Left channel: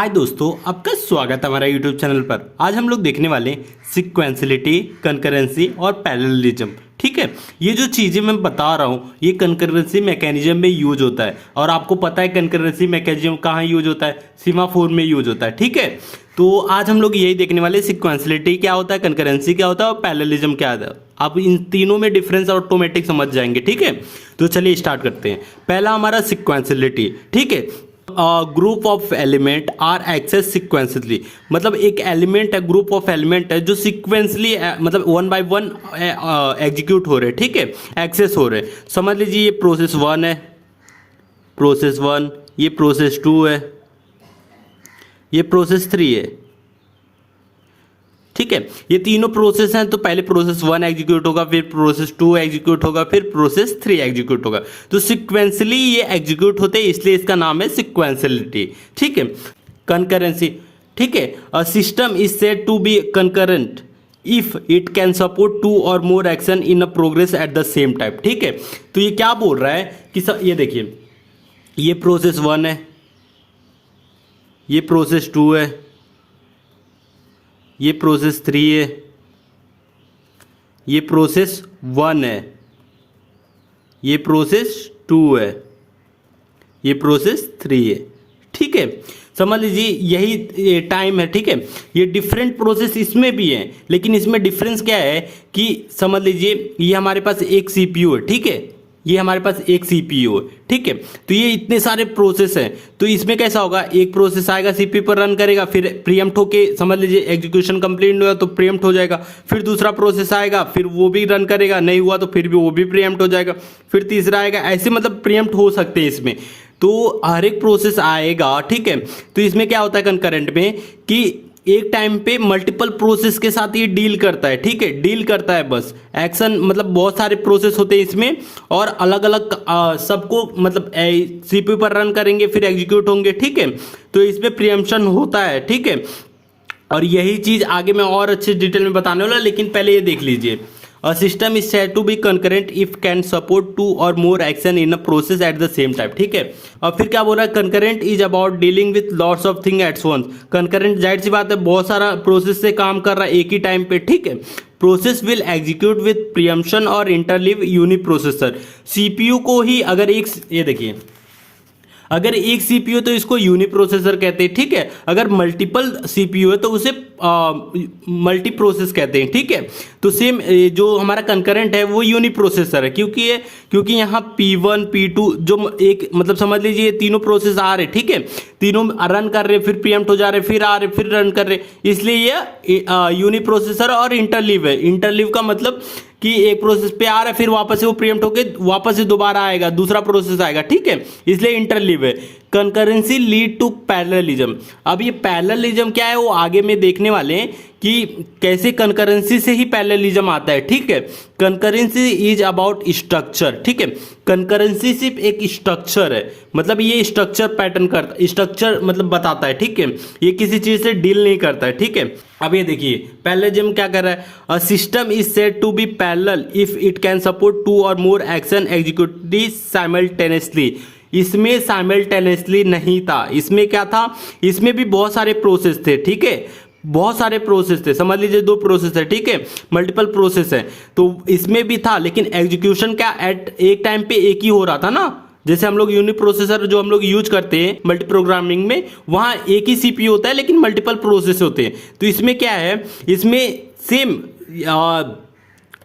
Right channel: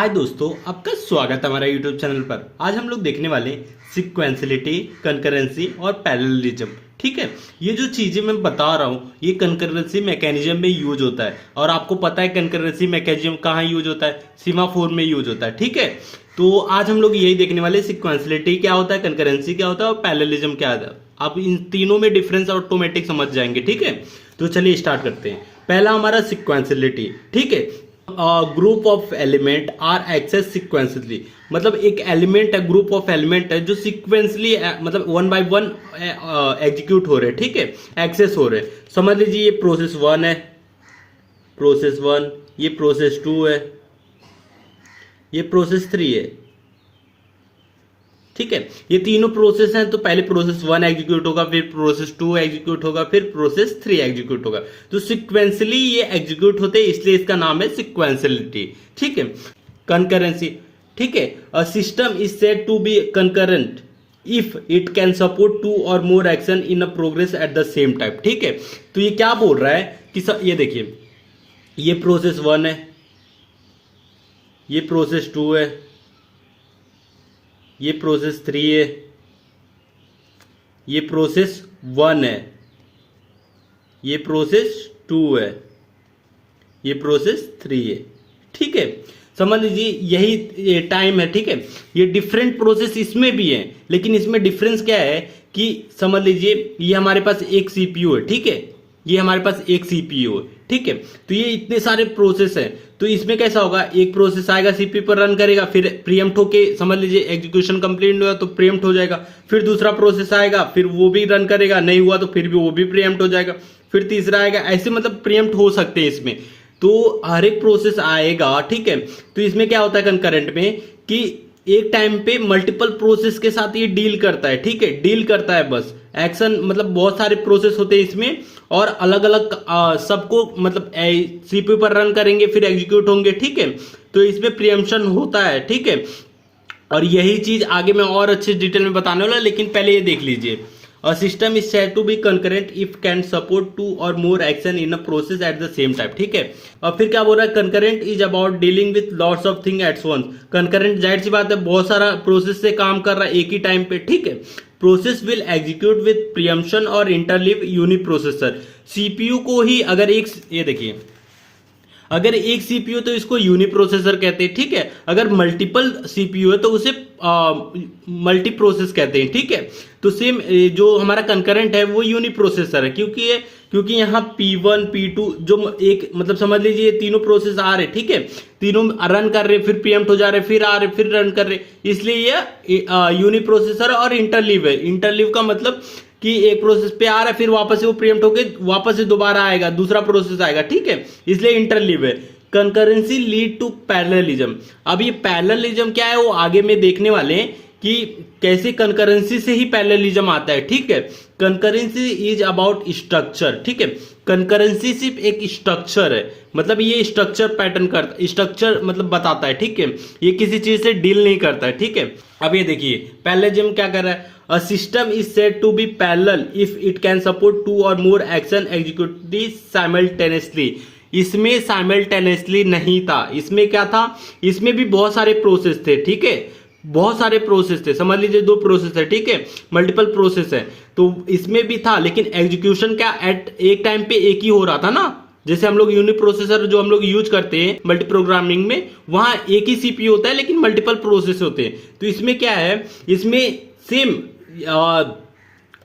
हाय दोस्तों, आपका स्वागत है हमारा यूट्यूब चैनल पर। आज हम लोग देखने वाले सिक्वेंसलिटी, कंकरेंसी और पैरेललिज्म। ठीक है, ये जो चीज़ें मैं बता रहा हूँ ये कंकरेंसी मैकेनिज्म में यूज होता है। और आपको पता है कंकरेंसी मैकेनिज्म कहाँ यूज होता है? सीमाफोर में यूज होता है। ठीक है, तो आज हम लोग यही देखने वाले सिक्वेंसलिटी क्या होता है, कंकरेंसी क्या होता है और पैरेललिज्म क्या होता है। आप इन तीनों में डिफरेंस ऑटोमेटिक समझ जाएंगे। ठीक है, तो चलिए स्टार्ट करते हैं। पहला हमारा सिक्वेंसलिटी। ठीक है, group of element are access sequentially, मतलब एक एलिमेंट है, ग्रुप ऑफ एलिमेंट है जो सिक्वेंसली मतलब वन बाय वन एग्जीक्यूट हो रहे हैं। ठीक है, एक्सेस हो रहे हैं। समझ लीजिए ये प्रोसेस 1 है, प्रोसेस 1, ये प्रोसेस 2 है, ये प्रोसेस 3 है। ठीक है, ये तीनों प्रोसेस हैं। तो पहले प्रोसेस 1 एग्जीक्यूट होगा, फिर प्रोसेस 2 एग्जीक्यूट होगा, फिर प्रोसेस 3 एग्जीक्यूट होगा। तो सिक्वेंसली ये एग्जीक्यूट होते हैं, इसलिए इसका नाम है सिक्वेंसलिटी। ठीक है, कंकरेंसी। ठीक है, a system is said to be concurrent if it can support 2 or more action in a progress at the same time. ठीक है, तो ये क्या बोल रहा है कि ये देखिए, ये प्रोसेस 1 है, ये प्रोसेस 2 है, ये प्रोसेस 3 है, ये प्रोसेस 1 है, ये प्रोसेस 2 है, ये प्रोसेस 3 है। ठीक है, समझ लीजिए यही टाइम है। ठीक है, ये डिफरेंट प्रोसेस इसमें भी है, लेकिन इसमें डिफरेंस क्या है कि समझ लीजिए ये हमारे पास एक सीपीयू है। ठीक है, ये हमारे पास एक सीपीयू है। ठीक है, तो ये इतने सारे प्रोसेस हैं, तो इसमें कैसा होगा, एक प्रोसेस आएगा सीपीयू पर रन करेगा, फिर प्रीएम्प्ट होके समझ लीजिए एग्जीक्यूशन कंप्लीट हुआ तो प्रीएम्प्ट हो जाएगा। फिर दूसरा प्रोसेस आएगा, फिर वो भी रन करेगा, नहीं हुआ तो फिर भी वो भी प्रीएम्प्ट हो जाएगा। फिर तीसरा आएगा, ऐसे मतलब प्रीएम्प्ट हो सकते हैं इसमें। तो हर एक प्रोसेस आएगा। ठीक है, तो इसमें क्या होता है कंकरेंट में कि एक टाइम पे मल्टीपल प्रोसेस के साथ ये डील करता है। ठीक है, डील करता है, बस एक्शन मतलब बहुत सारे प्रोसेस होते हैं इसमें, और अलग अलग सबको मतलब सीपीयू पर रन करेंगे, फिर एग्जीक्यूट होंगे। ठीक है, तो इसमें प्रीएम्प्शन होता है। ठीक है, और यही चीज आगे मैं और अच्छे डिटेल में बताने वाला, लेकिन पहले ये देख लीजिए। A system is said to be concurrent if can support 2 or more action in a process at the same time। ठीक है, और फिर क्या बोल रहा है, concurrent is about dealing with lots of things at once। concurrent जाहिर सी बात है, बहुत सारा प्रोसेस से काम कर रहा है एक ही टाइम पे। ठीक है, प्रोसेस विल एग्जीक्यूट विद प्रीएम्प्शन और इंटरलीव यूनिप्रोसेसर। सीपीयू को ही अगर एक, ये देखिए, अगर एक सीपीयू तो इसको यूनिप्रोसेसर कहते हैं। ठीक है, अगर मल्टीपल सीपीयू है तो उसे मल्टी प्रोसेस कहते हैं। ठीक है, तो सेम जो हमारा कंकरेंट है वो यूनिप्रोसेसर है, क्योंकि यहाँ P1 P2 जो एक मतलब समझ लीजिए ये तीनों प्रोसेस आ रहे। ठीक है, तीनों रन कर रहे, फिर प्रीएम्प्ट हो जा रहे, फिर आ रहे, फिर रन कर रहे, इसलिए ये यूनिप्रोसेसर और इंटरलीव है। इंटरलीव का मतलब कि एक प्रोसेस पे आ रहा है, फिर वापस से वो प्रीएम्प्ट होके वापस से दोबारा आएगा, दूसरा प्रोसेस आएगा। ठीक है, इसलिए इंटरलीव है। Concurrency lead to parallelism. अब ये पैरेललिज्म क्या है वो आगे में देखने वाले हैं कि कैसे कंकरेंसी से ही पैरेललिज्म आता है। ठीक है, कंकरेंसी इज अबाउट स्ट्रक्चर। ठीक है, कंकरेंसी सिर्फ एक स्ट्रक्चर है, मतलब ये स्ट्रक्चर पैटर्न करता, स्ट्रक्चर मतलब बताता है। ठीक है, ये किसी चीज से डील नहीं करता है। ठीक है, अब ये देखिए पैरेललिज्म क्या कर रहा है, a system is said to be parallel if it can support 2 or more action executive simultaneously. इसमें साइमल्टेनियसली नहीं था, इसमें क्या था, इसमें भी बहुत सारे प्रोसेस थे। ठीक है, बहुत सारे प्रोसेस थे, समझ लीजिए 2 प्रोसेस है। ठीक है, मल्टीपल प्रोसेस है, तो इसमें भी था, लेकिन एग्जीक्यूशन क्या एट एक टाइम पे एक ही हो रहा था ना। जैसे हम लोग यूनिप्रोसेसर जो हम लोग यूज करते हैं मल्टी प्रोग्रामिंग में, वहां एक ही सीपीयू होता है लेकिन मल्टीपल प्रोसेस होते हैं। तो इसमें क्या है, इसमें सेम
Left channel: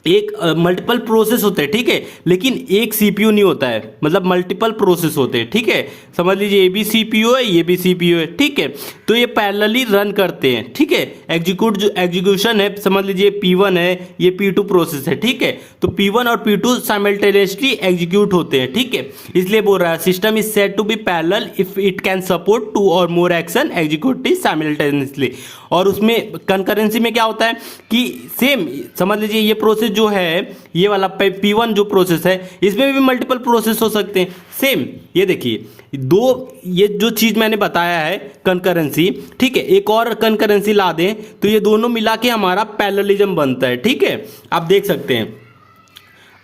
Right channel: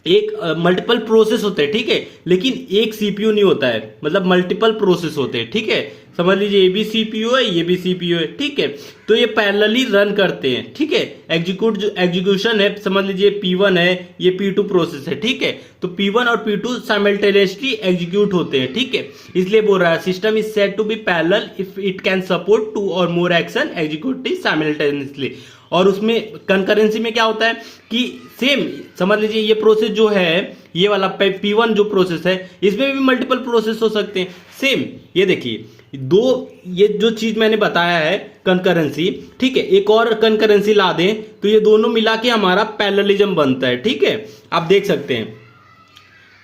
एक मल्टीपल प्रोसेस होते हैं। ठीक है, लेकिन एक सीपीयू नहीं होता है, मतलब मल्टीपल प्रोसेस होते हैं। ठीक है, समझ लीजिए ये भी सीपीयू है, ये भी सीपीयू है। ठीक है, तो ये पैरेलली रन करते हैं। ठीक है, एग्जीक्यूशन है, समझ लीजिए P1 है, ये P2 प्रोसेस है। ठीक है, तो P1 और P2 साइमल्टेनियसली एग्जीक्यूट होते हैं। ठीक है, इसलिए बोल रहा है system is said to be parallel if it can support 2 or more action executive simultaneously. और उसमें कंकरेंसी में क्या होता है कि सेम समझ लीजिए ये प्रोसेस जो है, ये वाला P1 जो प्रोसेस है, इसमें भी मल्टीपल प्रोसेस हो सकते हैं। सेम ये देखिए ये जो चीज मैंने बताया है कंकरेंसी। ठीक है, एक और कंकरेंसी ला दें तो ये दोनों मिला के हमारा पैरेललिज्म बनता है। ठीक है, आप देख सकते हैं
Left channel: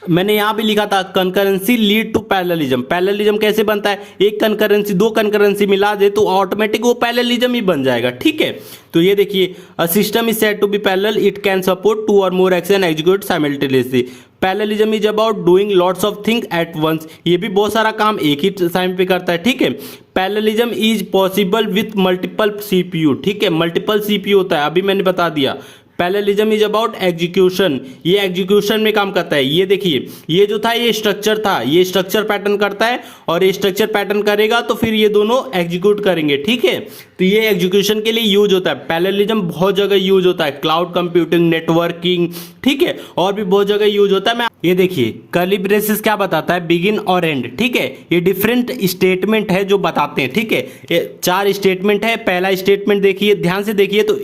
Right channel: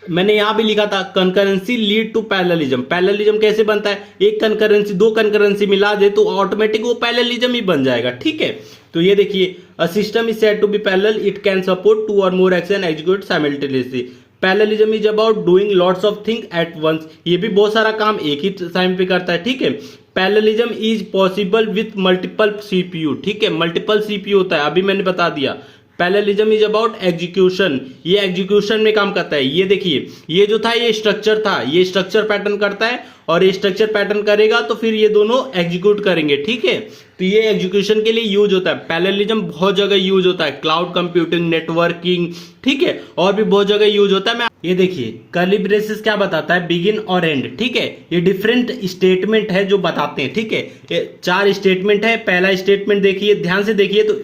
मैंने यहां भी लिखा था concurrency lead to parallelism. Parallelism कैसे बनता है, एक कंकरेंसी दो कंकरेंसी मिला दे तो ऑटोमेटिक वो पैरेललिज्म ही बन जाएगा, ठीक है। तो ये देखिए, a system is said to be parallel, it can support two और more action execute simultaneously. Parallelism is about doing lots of thing at once, ये भी बहुत सारा काम एक ही टाइम पे करता है, ठीक है। Parallelism is possible with multiple CPU, ठीक है, मल्टीपल सीपीयू होता है, अभी मैंने बता दिया। पैरेललिज्म इज अबाउट एग्जीक्यूशन, ये एग्जीक्यूशन में काम करता है। ये देखिए, ये जो था ये स्ट्रक्चर था, ये स्ट्रक्चर पैटर्न करता है और ये स्ट्रक्चर पैटर्न करेगा तो फिर ये दोनों एग्जीक्यूट करेंगे, ठीक है। तो ये एग्जीक्यूशन के लिए यूज होता है। पैरेललिज्म बहुत जगह यूज होता है, क्लाउड कंप्यूटिंग, नेटवर्किंग, ठीक है, और भी बहुत जगह यूज होता है। मैं ये देखिए, कर्ली ब्रेसेस क्या बताता है, बिगिन और एंड, ठीक है। ये डिफरेंट स्टेटमेंट है जो बताते हैं, ठीक है। ये 4 स्टेटमेंट है। पहला स्टेटमेंट देखिए, ध्यान से देखिए, तो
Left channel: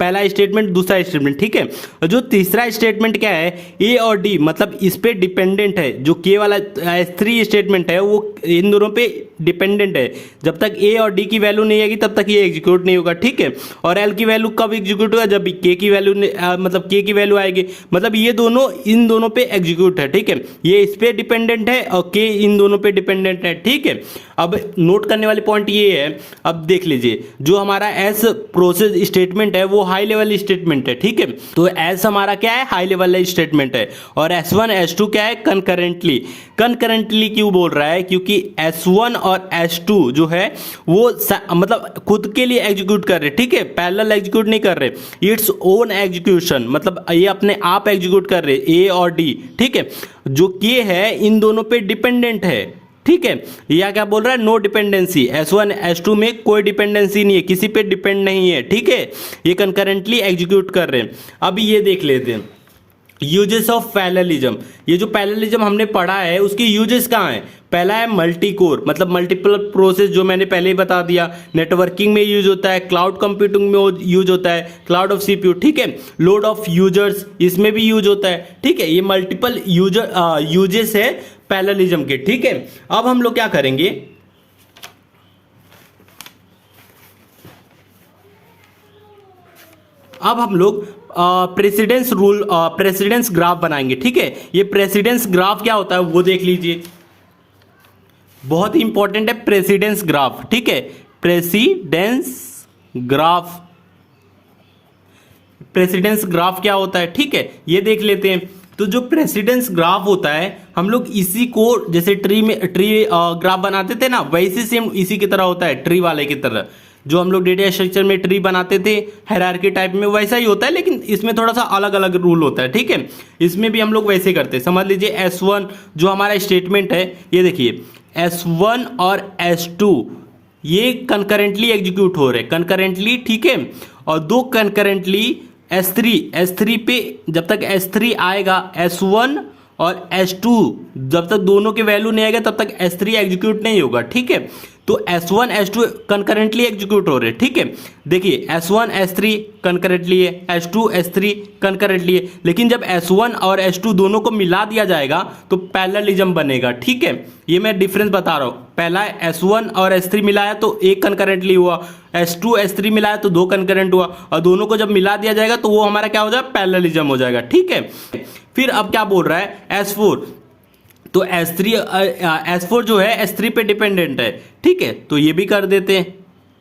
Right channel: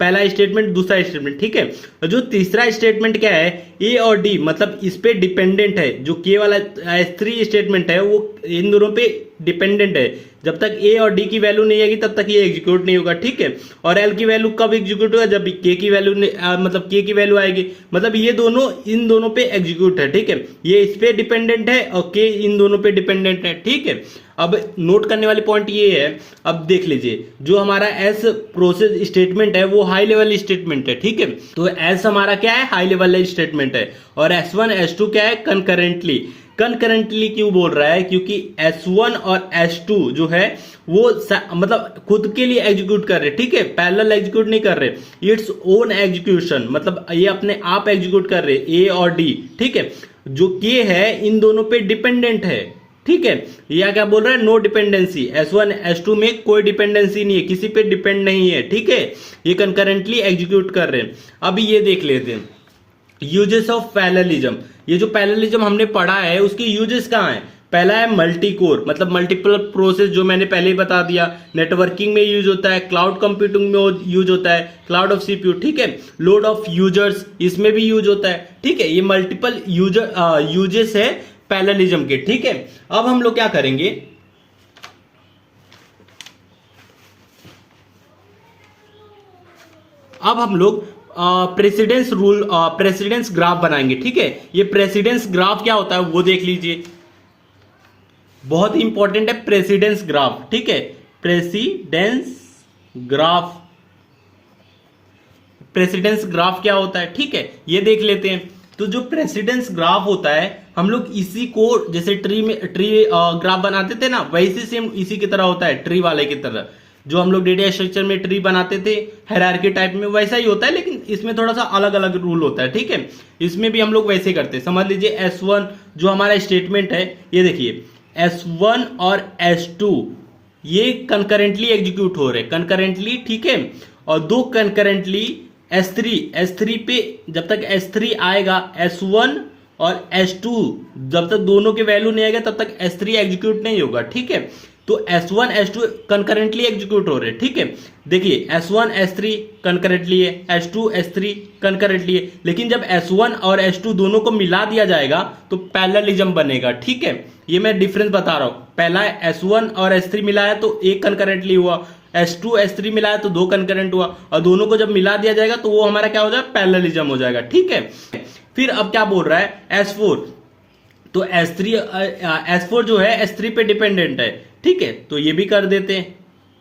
पहला स्टेटमेंट, दूसरा स्टेटमेंट, ठीक है। और जो तीसरा स्टेटमेंट क्या है, ए और डी, मतलब इस पे डिपेंडेंट है। जो के वाला S3 स्टेटमेंट है वो इन दोनों पे डिपेंडेंट है। जब तक ए और डी की वैल्यू नहीं आएगी तब तक ये एग्जीक्यूट नहीं होगा, ठीक है। और एल की वैल्यू कब एग्जीक्यूट होगा, जब के की वैल्यू मतलब के की वैल्यू आएगी, मतलब ये दोनों इन दोनों पे एग्जीक्यूट है, ठीक है। ये इस पे डिपेंडेंट है और के इन दोनों पे डिपेंडेंट है, ठीक है। अब नोट करने वाली पॉइंट ये है, अब देख लीजिए, जो हमारा एस प्रोसेस स्टेटमेंट है वो हाई लेवल स्टेटमेंट है, ठीक है। तो एस हमारा क्या है, हाई लेवल स्टेटमेंट है। और S1 S2 क्या है, कंकरेंटली। कंकरेंटली क्यों बोल रहा है, क्योंकि S1 और S2 जो है वो मतलब खुद के लिए एग्जीक्यूट कर रहे, ठीक है, पैरेलल एग्जीक्यूट नहीं कर रहे। इट्स ओन एग्जीक्यूशन, मतलब ये अपने आप एग्जीक्यूट कर रहे, ए और डी, ठीक है। जो के है इन दोनों पे डिपेंडेंट है, ठीक है। या क्या बोल रहा है, नो डिपेंडेंसी। S1 S2 में कोई डिपेंडेंसी नहीं है, किसी पे डिपेंड नहीं है, ठीक है। ये कंकरेंटली एग्जीक्यूट कर रहे हैं। अभी ये देख लेते हैं यूजेस ऑफ पैरेललिज्म। ये जो पैरेललिज्म हमने पढ़ा है उसकी यूजेस कहाँ है। पहला है मल्टी कोर, मतलब मल्टीपल प्रोसेस, जो मैंने पहले ही बता दिया। नेटवर्किंग में यूज होता है, क्लाउड कंप्यूटिंग में यूज होता है, क्लाउड ऑफ सीपीयू, ठीक है। लोड ऑफ यूजर्स, इसमें भी यूज होता है, ठीक है। ये मल्टीपल यूजेस है पैरेललिज्म के, ठीक है। अब हम लोग क्या करेंगे, अब हम लोग प्रेसिडेंस रूल, प्रेसिडेंस ग्राफ बनाएंगे, ठीक है। ये प्रेसिडेंस ग्राफ क्या होता है वो देख लीजिए, बहुत ही इंपॉर्टेंट है प्रेसिडेंस ग्राफ, ठीक है। प्रेसिडेंस ग्राफ, प्रेसिडेंस ग्राफ क्या होता है, ठीक है, ये देख लेते हैं। तो जो प्रेसिडेंस ग्राफ होता है, हम लोग इसी को जैसे ट्री ग्राफ बनाते थे ना, वैसे सेम इसी की तरह होता है, ट्री वाले की तरह। जो हम लोग डेटा स्ट्रक्चर में ट्री बनाते थे हायरार्की टाइप में, वैसा ही होता है, लेकिन इसमें थोड़ा सा अलग अलग रूल होता है, ठीक है। इसमें भी हम लोग वैसे करते हैं। समझ लीजिए S1 जो हमारा स्टेटमेंट है, ये देखिए S1 और S2 ये कंकरेंटली एग्जीक्यूट हो रहे, कंकरेंटली, ठीक है। और दो कंकरेंटली S3 पे जब तक S3 आएगा, S1 और S2 जब तक दोनों के वैल्यू नहीं आएगा तब तक S3 एग्जीक्यूट नहीं होगा, ठीक है। तो S1 S2 कंकरेंटली एग्जीक्यूट हो रहे, ठीक है। देखिए S1 S3 कंकरेंटली है, S2 S3 कंकरेंटली है, लेकिन जब S1 और S2 दोनों को मिला दिया जाएगा तो पैरेललिज्म बनेगा, ठीक है। ये मैं डिफरेंस बता रहा हूं, पहला S1 और S3 मिला है तो एक कंकरेंटली हुआ, S2 S3 मिला है तो दो कंकरेंट हुआ, और दोनों को जब मिला दिया जाएगा तो वो हमारा क्या हो जाएगा, पैरेललिज्म हो जाएगा, ठीक है। फिर अब क्या बोल रहा है S4, तो S4 जो है S3 पे डिपेंडेंट है, ठीक है। तो ये भी कर देते हैं।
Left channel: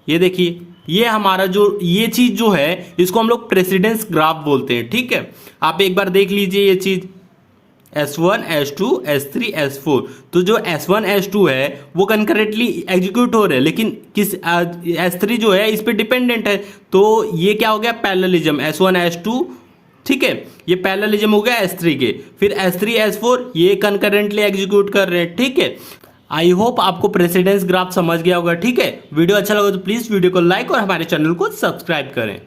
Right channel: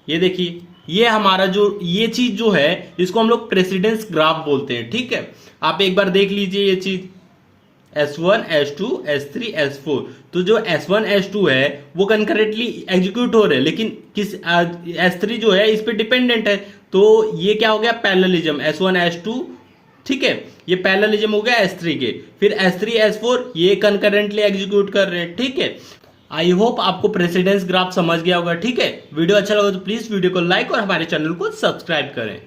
ये देखिए, ये हमारा जो ये चीज जो है इसको हम लोग प्रेसिडेंस ग्राफ बोलते हैं, ठीक है। आप एक बार देख लीजिए ये चीज, S1 S2 S3 S4। तो जो S1 S2 है वो कंकरेंटली एग्जीक्यूट हो रहे हैं, लेकिन किस S3 जो है इस पे डिपेंडेंट है, तो ये क्या हो गया, पैरेललिज्म। S1 S2, ठीक है, ये पैरेललिज्म हो गया S3 के। फिर S3 S4 ये कंकरेंटली एग्जीक्यूट कर रहे हैं, ठीक है। आई होप आपको प्रेसिडेंस ग्राफ समझ गया होगा, ठीक है। वीडियो अच्छा लगा तो प्लीज वीडियो को लाइक और हमारे चैनल को सब्सक्राइब करें।